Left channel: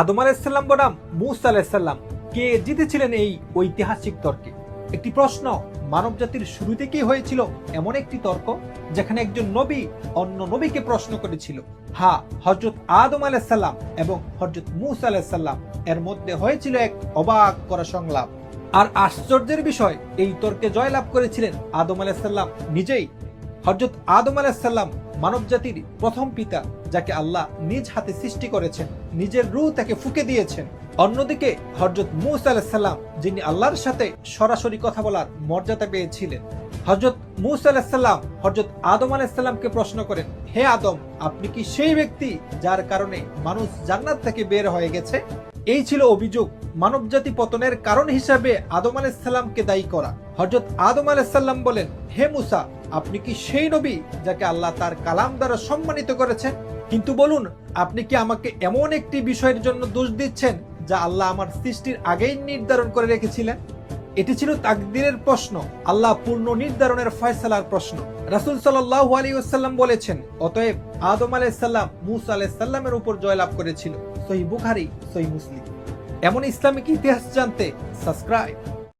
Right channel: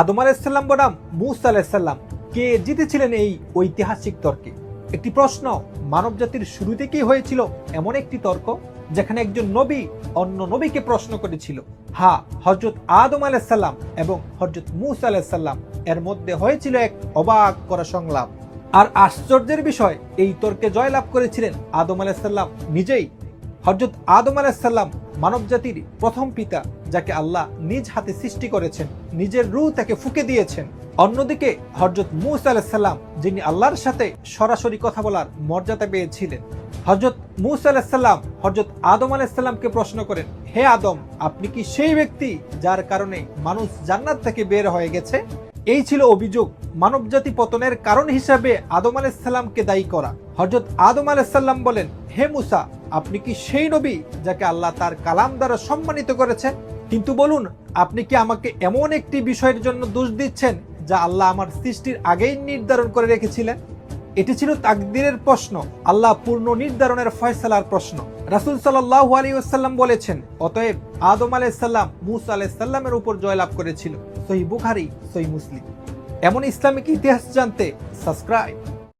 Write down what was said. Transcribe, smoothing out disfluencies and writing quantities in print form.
আদম আলাইহিসসালাম বনাম মূসা আলাইহিসসালাম কে জিতেছিলেন এই ঐতিহাসিক তর্কে? একটি প্রশ্ন মানব জাতির শুরু থেকেই হয়েছিল এমন একটি তর্ক যেখানে একজন নবী অন্য নবীকে প্রশ্ন করেছিল। হ্যাঁ, হযরত আদম আলাইহিসসালাম এবং হযরত মূসা আলাইহিসসালাম এর মধ্যে হয়েছিল এক অবাক করা সংলাপ। আর আশ্চর্যের বিষয়, এই তর্কে জয়লাভ করেছিলেন আদম আলাইহিসসালাম নিজেই। হযরত আদম আলাইহিসসালাম মানব জাতির প্রথম পিতা, যাকে আল্লাহ নিজ হাতে সৃষ্টি করেছেন, নিজের রূহ তাকে ফুঁকে দিয়েছেন। অন্যদিকে হযরত মূসা আলাইহিসসালাম, যিনি আল্লাহর সাথে সরাসরি কথা বলার মর্যাদা পেয়েছিলেন। হযরত মূসা আলাইহিসসালাম হযরত আদম আলাইহিসসালামকে প্রশ্ন করেন, হে আদম, আপনি কি সেই ব্যক্তি যার কারণে মানুষ জান্নাত থেকে বের হয়ে গেছে? এই ছিল অভিযোগ, মানবজাতি পতনের কারণ হিসেবে আদম আলাইহিসসালামকে দায়ী করা। হযরত আদম আলাইহিসসালাম বলেন, হে মূসা, আপনি কি সেই নবী যাকে আল্লাহ তার কালাম দ্বারা সম্মানিত করেছেন? কিন্তু বলুন, আপনি কি আমাকে এমন একটি বিষয়ের জন্য দোষ দিচ্ছেন যা আল্লাহ আমার সৃষ্টির আগেই নির্ধারণ করে রেখেছিলেন? এটি ছিল তাকদীরের প্রশ্ন, আল্লাহ পূর্ণ নির্ধারণের ফয়সালার প্রশ্ন। রাসূল সাল্লাল্লাহু আলাইহি ওয়াসাল্লাম বলেছেন, অতএব আদম আলাইহিসসালাম মূসা আলাইহিসসালামের উপর জয়লাভ করেছিল। সহিহ বুখারী, সহিহ মুসলিম। এমন ইসলামিক ইতিহাস জানতে সাবস্ক্রাইব।